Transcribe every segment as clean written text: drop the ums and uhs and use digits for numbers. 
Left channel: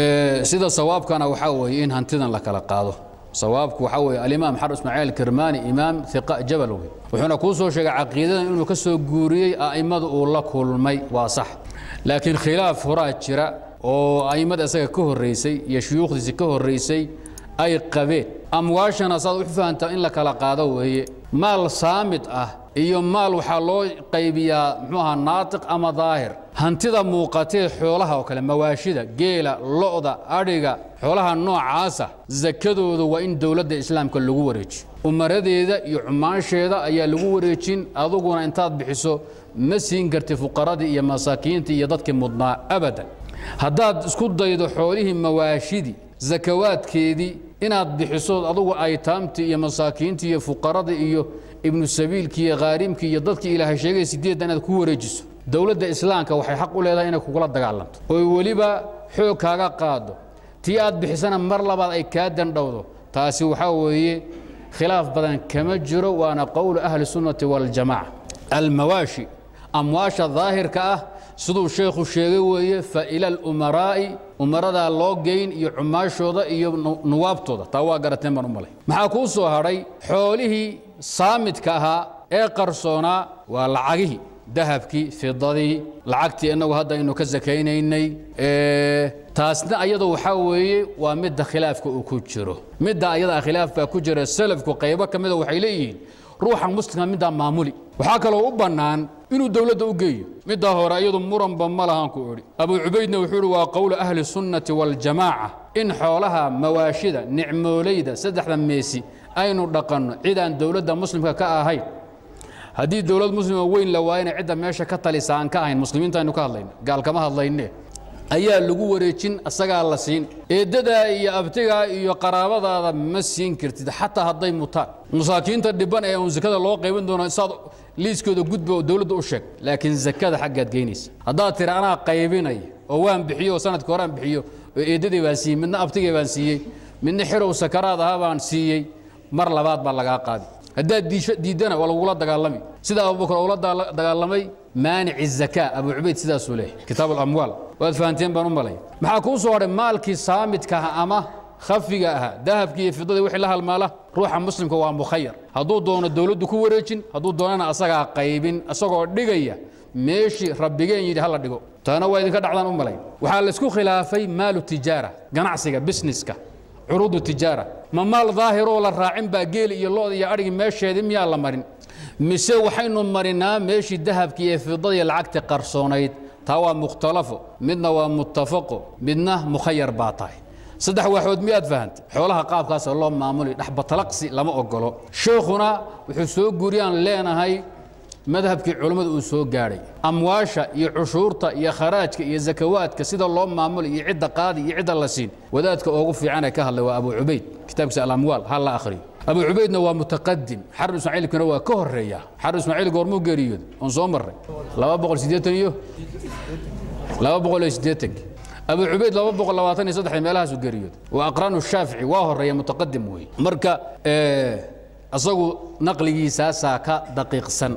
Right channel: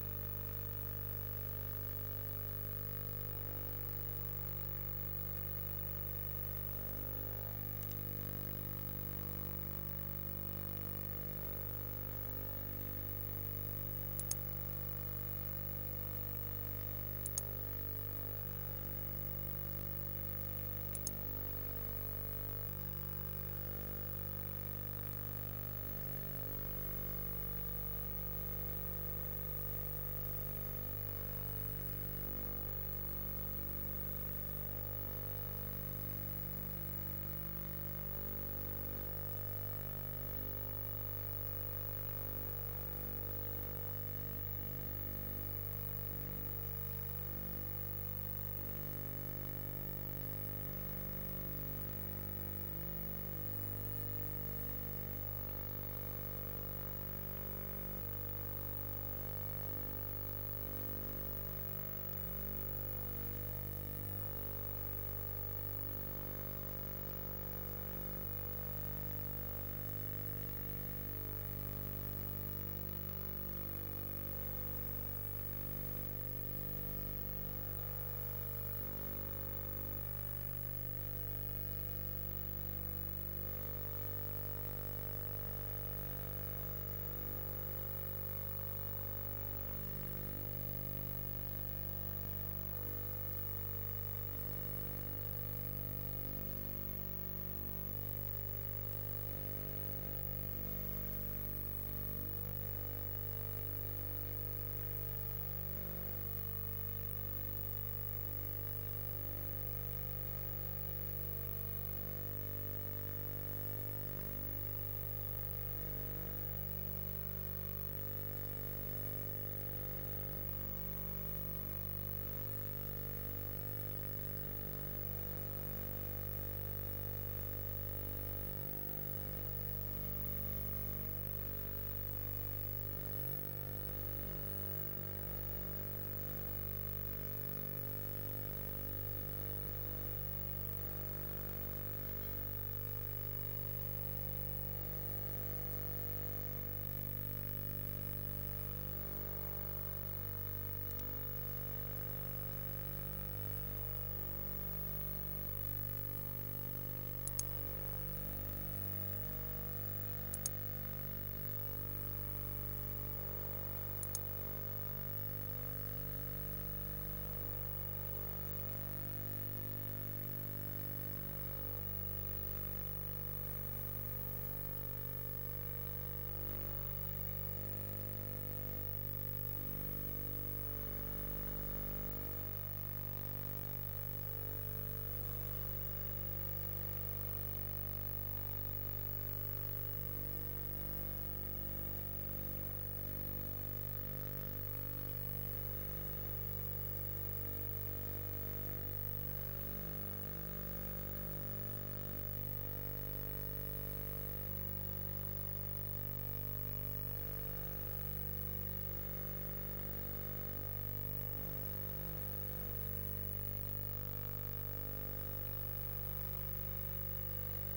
sida sawaabkana waxa weeye in hantidan la kala qaado sawaabku waxa weeye al-imaam Xarb Ismaaciil Kirmaani imaam thiqa jabal wuxuuna ku soo sheegay aqeedadan inuu ka soo guuriyay aimadu uu la kulmay waa sax laakiin khilaaf horaa jira oo aimada isaga ka horeysay iyo shuyuukhdiisa ka horeysay ay qabeen amwaashana saad u fahantaa in la kala qaado weeye maal saamid ah iyo maal waxa loo qaybiyaa muxuu naatiq ama daahir hantida muuqatay xoolaha oo kale mawaashida geela lo'da adhiga xoolaha noocaasa zakadoodu waa in dawladda islaamka lagu wareejiyo umaradeeda iyo cumaansheeda ayaa lagu wareejin aduguna intaad bixiso ma siin kartid fuqaradii iyo masaakiinta iyo dadkii mudnaa abadan haddaad isku daydo xoolihii mawaashidi zakawaadkeedii inaad bixiso adugu aytaamtii iyo masaakiintii iyo fuqaradii iyo ibnu sabiilkii iyo qaarimkii iyo dadkii ilaahay sheegay sideed inaad ku wareejiso dawladda islaamka waxay xaq u leedahay inay kugula dagaalanto oo waliba xoog kaaga qaado tii aad bixisana mar labaad ay ka dandhawdo taasi waxa weeye khilaaf badan kama jiro waana qowl ahli sunnati wal jamaa al mawashi amwaasha dhaahirka ah sidoo sheekhu sheegay weeye fa ila al umaraa'i umarada loo geyn iyo cumaashooda iyo nuwaabtooda taa waa garateen baan u malay maxaa ku soo haray xoolihii saamidka ahaa ee qarsoonaa waa lacagihii dahabkii fidadii lacagtii inagu hadda aynu ka zakaynaynay taasna ayadu waxa weeye waa midda khilaafka uu ku jiro midda ayada khilaaf baa ku jira salafku qaybo kamid ah waxay leeyihiin ruuxa muslimka midda maamuli waxa kale oo u banaan inuu dawladda u geeyo midda hore ayadu muranba ma lahan ku ori abu ubaydna wuxuu waa qowl ahli sunnati wal jamaa in xoolaha mawaashida nicmoolayda saddexda meesi aynu dhaqanno cidaan dawladda muslimka ka ahayn haddii dawlad muslima weyn la waayna cidda meesha ka talisaan ka ahayn muslimiinta aynu ka hadlayno gaal kama hadlayne ayaa lagu wareejin asagaa la siin eedada iyo abtiga iyo qaraabadaada ma siin kartid xataa hadday mutaan masaakiinta dhiban ee uu zakada loo qaybin doono saad liiskooda gudba dawladda u sheeg laakiin zakada xaggaad geynaysa haddaad tiri anaa qaybinay oo waan bixiyo sanadkii horaan bixiyo eedadii baan siiyey midna abtigii baan siiyey midna xirow sakaraad ahaa baan siiyey mar labaad baa lagaa qaadi haddaad diidana waa lagula dagaalami sida abubakar ula dagaalamay maanic الزكاة أبو عبيد سيدا سوليه كتاب الأموال وأدفانتين بانو مالي maxaa ku soo haray maalkii saamidka ama khafiga ah dahabkii fidada wixii la halmaala ruuxa muslimka waa mukhayyar haduu doono dawladdu ku wareejin haduu doonana asaga qaybin asagoo dhigaya meeshii rabbigeen yiri hal dhigo taana waa idinka dhacdaan u malay waxa la isku khilaafay maalu tijaara ganacsiga businesska urudu tijaara ma maal daahir oo la raacin baa geel iyo lo'da iyo arigi meesheedii miyaa la marin mise waxaynu marinaa meeshii dahabkii iyo fidada iyo lacagta qarsoonayd taa waa mukhtalafo midna waa muttafaqo midna mukhayyar baa tahay saddex waxood miyaad fahantay xoolaha qaabkaas loo maamulay dhaxba talaqsi lama ogolo sheekhuna wuxuu soo guuriyaan leenahay madhabkii culimadu uu soo gaaray amwaasha iyo cushuurta iyo kharaajka iyo zakawaadka sida loo maamulay iyo cidda qaadi iyo cidda la siin wadaadka ugu fiican ee ka hadlay waa Abu Ubayd kitaabkiisa al-amwal hal la akhriyo أبو عبيدنا ومتقدم حرب إسماعيل كنا وكهر ريا حرب إسماعيل قرمو قريود انصومر لا بقول سيدتن يو لا بقول سيدتك أبو عبيد لا بقول لواتني صدح مالها سو قريود وأقران الشافعي واهر ريا متقدم وي مركا أصو نقلي ساساكا دقيق سن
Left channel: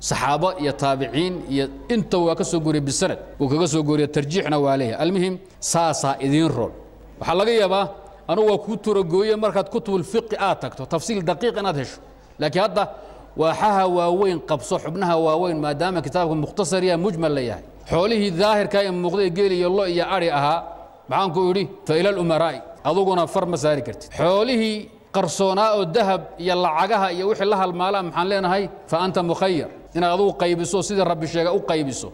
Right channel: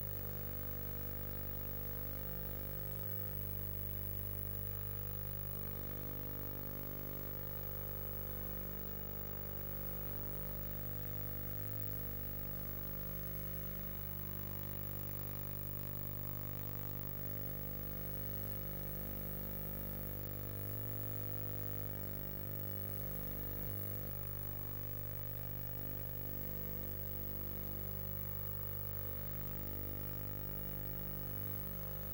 صحابة يا تابعين يا انت وكسو قري بالسند وكسو قري ترجيحنا وعليه المهم ساسا إذين رول وحلقة يابا أنا وكنت رجوية مركز كتب الفقه آتكتو تفصيل دقيق أنا أدهش لكن هذا وحها واوين قبصو حبنها واوين ما دام كتابكم مختصر يا مجمل ليه حوله الظاهر كاين مقضي قيلي يالله يا أريها معانكو يري فإلى الأمراء أضوقنا فر مساري كرت حوله قرصوناء الذهب يلا عقها يوحي لها المال محن لنا هاي فأنت مخير إن أضوق قيبسو سيد ربي الشيخ أو قيبسو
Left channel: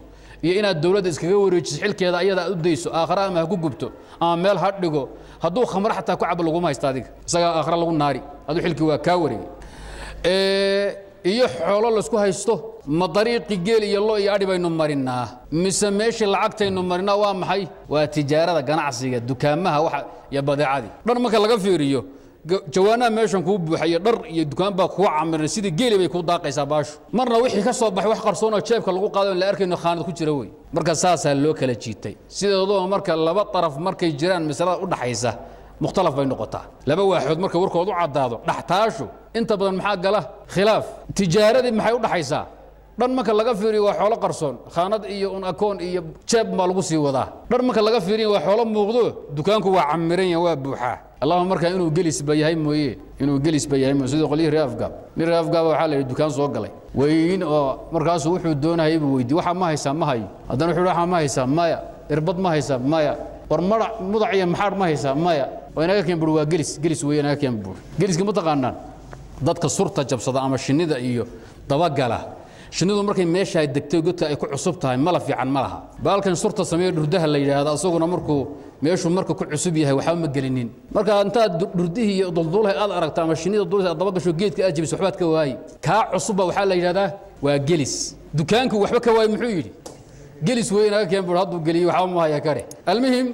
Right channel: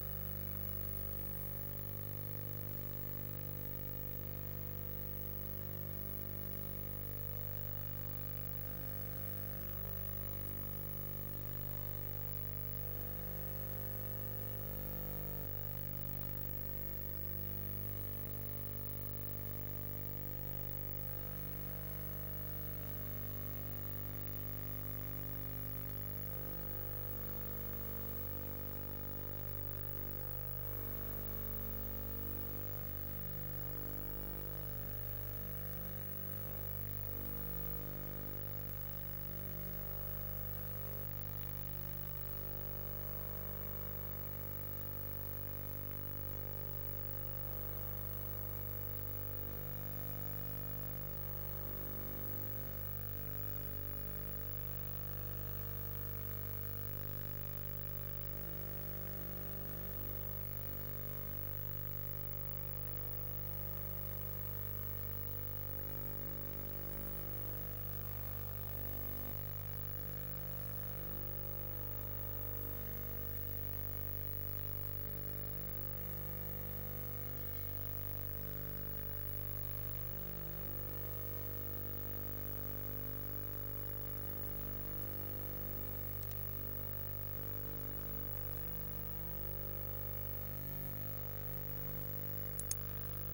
يا إن الدولة إسكاوري تسحل كذا أيضا أديسو آخر ما هكو جبتو مال هاتلقو هدو خمر حتى كعب لغوما يستادق سجى آخر لغو الناري هدو حلك وكاوري إيه حول الله سكوا هيستو ما طريق جيل يلا يعرف بينهم مرنا مسميش العقد إنهم مرنا وام حي وتجارة جناعسية دكانها واحد يبدأ عادي در ما كان لقى في ريو جوانا ماشون كوب حي در يدكان بقوا عمر سيد جيل بيكون داقي سباش مرة وحي كسر بحي واحد قرصونا شايف كلقوا قادم لأركي إنه خانة كتيروي مركز ساسا اللوكالة جيتي سيد الله مركز لبا طرف مركز جيران مثلا قلنا حيسه مختلف بين نقطة لبا واحد مركز وركو وضع عدادو نحتاجه انت بدل محاق له خلاف تجارة دي محي قلنا حيسه dhan marka laga fiiriyo waa xoolo qarsoon khaanad iyo un akoon iyo jeeb ma lagu sii wadaa dhan marka laga fiiriyo waa xoolo muuqdo dukaanku waa camiran yahay waa buuxaa allahumma marka inuu gelis bayahay mooyee inuu gelis bayahay sidoo qolii reefgaab min reefgaab waxa la dukaan soo galay weyn oo markaas wuxuu doonayay buu weydiiyay waxa ma haysaa ma hayo haddana wuxuu waxa ma haysaa maya irbad ma haysaa maya war mudac iyo maxaar ma haysaa maya oo inaga keen bur waa gelis weyn inaga keen bur geliska ma taqaanaan dadka surta jabsada ama shinnida iyo dabagala shinnidu markay meesha ay degtay godka ay ku cusub tahay mala fiican ma laha baalkan surta sameeyo dhurdaha la yiraahdo asaguna markuu meeshu marka ku cusub yahay waxa ma gelinin marka inta dhurdihi iyo duldulaha aad aragtaa ama shinnida dulka dabagasho geedka aad jibis waxbaad ka waayay ka cusub waxa la yiraahdaa waa gelis dukaanku waxba ka waayay muxuu yiri gelis weynaga keen bur haduu geliyo waxa ma haya kare almuhim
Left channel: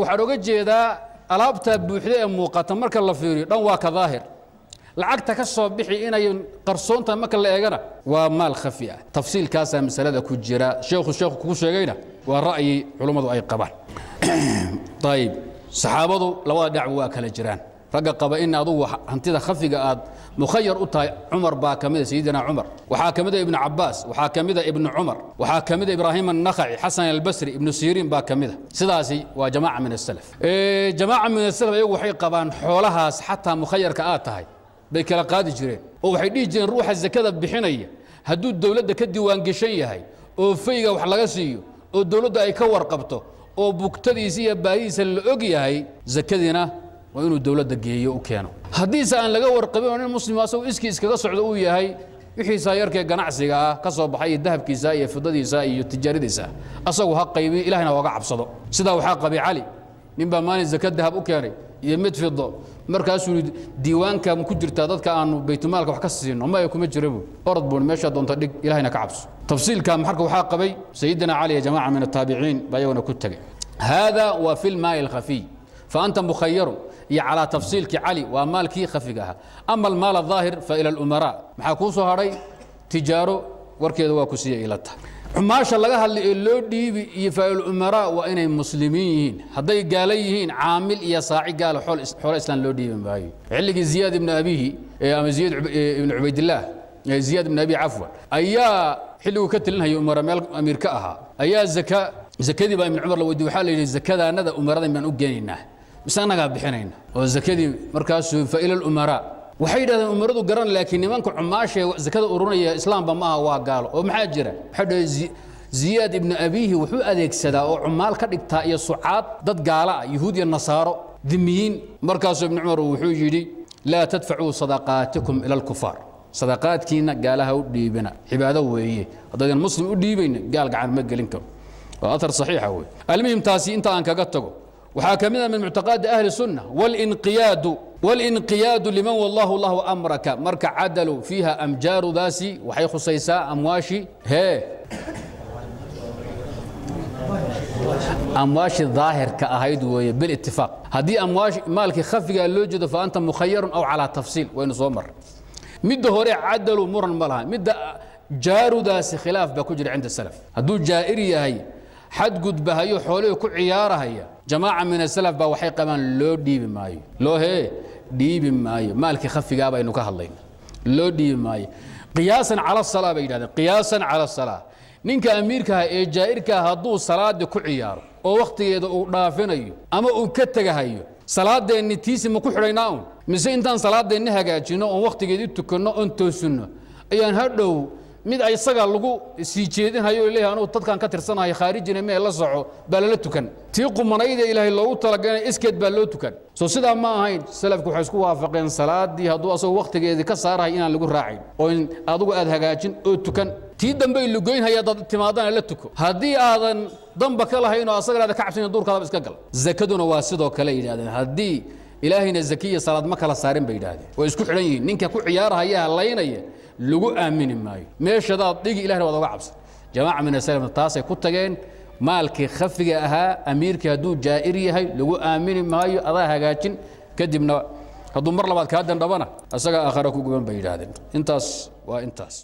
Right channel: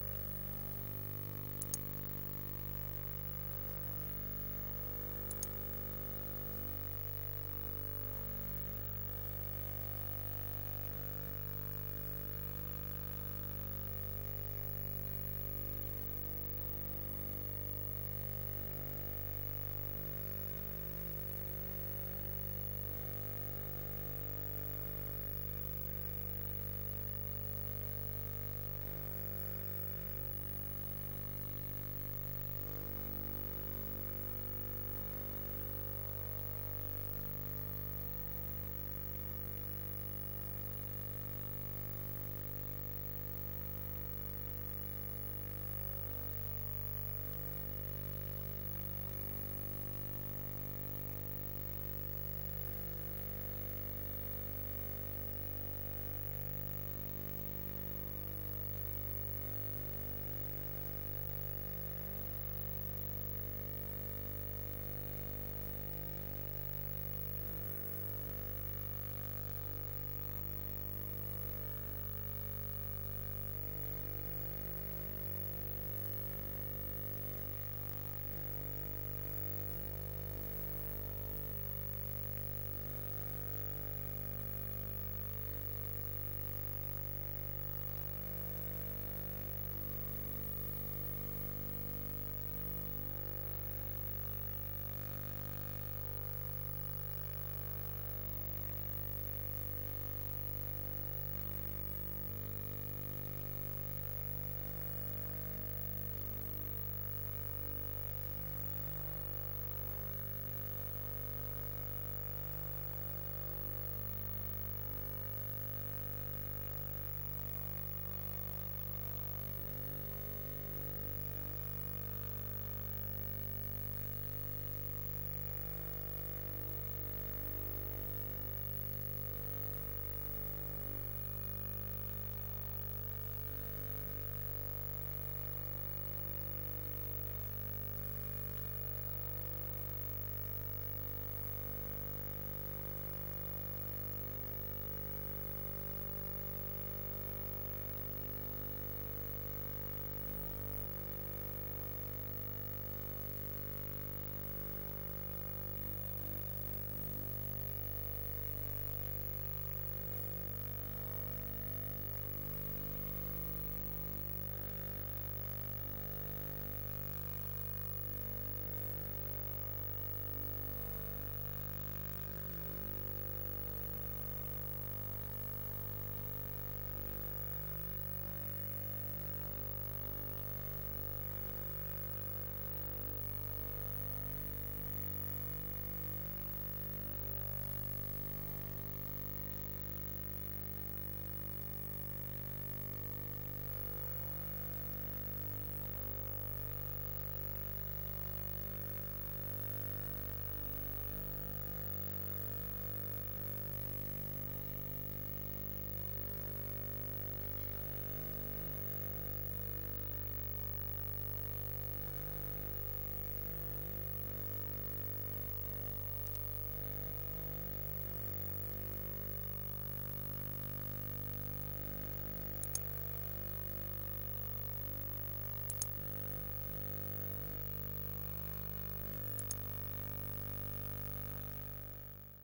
waxa looga jeedaa alaabta buuxda ee muuqata marka la fiiriyo dhan waa ka daahir lacagta ka soo bixi inay qarsoonta marka la eegana waa maal khafi ah tafsiilkaas masalada ku jira sheekhu ku sheegayna waa ra'yi culimadu ay qabaan طيب saxaabadu labada dhinac waa kala jiraan raga qaba in adu hantida khafiga aad mukhayyar u tahay Umar baa kamida Sayyidina Umar waxa kamida Ibn Abbas waxa kamida Ibn Umar waxa kamida Ibrahim an-Nakhai Hasan al-Basri Ibn Sirin baa kamida sidaasi waa jamaa min as-salaf jamaa min as-salaf ayagu waxay qabaan xoolahaas xataa mukhayyarka aad tahay bay kala qaadi jireen oo waxay dhigi jireen ruuxa zakada bixinaya hadduu dawladda ka diiwaan gashan yahay oo fayga wax laga siiyo oo dawladda ay ka warqabto oo bugtadiisa iyo baahiisa la og yahay zakadina waa inuu dawladda geeyo u keeno haddiise aan laga warqabin oo nin muslim asagoo iskaga socdo uu yahay wixiisa yarkee ganacsiga ah ka soo baxay dahabkiisa iyo fidadiisa iyo tijaaradiisa asagoo ha qaybi ilaahina uga cabsado sidaa waxaa qabay cali nin baa maalin zakad dahab u keenay iyo mid fido markaasuu diiwaanka ku jirta dadka aanu baytulmaalka wax ka siino ma ay kuma jirabo orad boon meesha doonta dhig ilaahina ka cabso tafsiilka marka waxa qabay sayyidina ali ya jamaa min at-tabi'in bayawna ku tagay hada wa fil ma'i al-khafi fa anta mukhayyar ya ala tafsiilki ali wa malki khafigaha amma al-mal adh-dhahir fa ila al-umara waxa ku soo haray tijaaro warkeedu waa ku siiyay ilata xumaasha laga hadlay loo dhiibi iyo faa'il umara waa inay muslimiin haday gaalayihiin caamil iyo saaci gaal xoolo islaan loo dhiibin baayo xilligii Ziyad ibn Abihi ama Ziyad ibn Ubaydillah Ziyad ibn Abi Afwa ayaa xilligu ka tilinhayo umara meel amirka aha ayaa zakadii baa ibn Umar la weydiiyay waxa la yiri zakadaanada umarada inaan u geeninaa misanaga bixinayna oo zakadii markaas faa'il umara waxay yiraahdeen umaradu garan laakiin nimanka cumaasha zakada urunaya islaamba ma aha waa gaalo oo maxaa jira xadhay Ziyad ibn Abihi wuxuu adeegsadaa oo cumaal ka dhigtaa iyo sucaad dad gaala yahuud iyo nasaaro dimiin markaas ibn Umar wuxuu yiri la tadfa'u sadaqaatikum ila al-kufar sadaqaadkiina gaalaha u dhiibina cibaado weeye haddaan muslim u dhiibayna gaal gacan ma gelin karo waa athar saxiixa weey almuhim taasi inta aan kaga tago waxaa kamida min mu'taqad ahli sunnah والانقياد لمن والله الله أمرك مرك عدلوا فيها أمجار داسي وحي خصيصا أمواشي أمواشي الظاهر كأهيد بالاتفاق هذه أمواش مالك خفي اللوجد فأنت مخير أو على تفصيل وين صومر مد هوري عدلوا مرا ملها مد جار داسي خلاف بكجر عند السلف هدول جائرية هي حد قد بهايو حوله كل عيارة هي جماعة من السلف بوحي كمان لو ديب ماي لو هي ديب ماي مالك خفي قابا إنه كهالين لو ديب ماي قياسا على الصلاة بيداد قياسا على الصلاة نينك أميركا إيه جائركا هدو صلاة كل عيار أو وقت يدو رافنيو أما أكتغا هايو صلاة دي نتيسي مكو حريناون مثل إنتان صلاة دي نهاجا جينو أو وقت يدو تكنو أنتو سنو أيان هدو mid ay isaga lagu sii jeedin hayo ilaahay anu dadkan ka tirsanahay khaarijina meel la soco bal la tukan tii qumanayda ilaahay loogu talagalay iskeed baa loo tukan soo sida ma ahayn salafku waxay isku waafaqeen salaadii haduu asoo waqtigeedii ka saarahay inaan lagu raacin oo in adigu aad hagaajin oo tukan tii dambe lu goyn haya dad timaadana la tuko hadii aadan damba ka lahayn oo asagana ka cabsan duurkaada iska gal zakaduna waa sidoo kale yiraahdeen hadii ilaahayna zakiya salaad ma kala saarin bay yiraahdeen oo isku xiran yihiin ninka ku ciyaaraya halaynaya لغو آمن مايو ماشا دا ديجي إلهي وضوغا عبس جماعة من السلام التاسي كتغين مالك خفقة أها أميرك هدو جائري هاي لغو آمن مايو أضاها هاجين كدبنا هدو مرلبات كادن ربنا أساقا آخركو قبان بيجادن انتاس وانتاس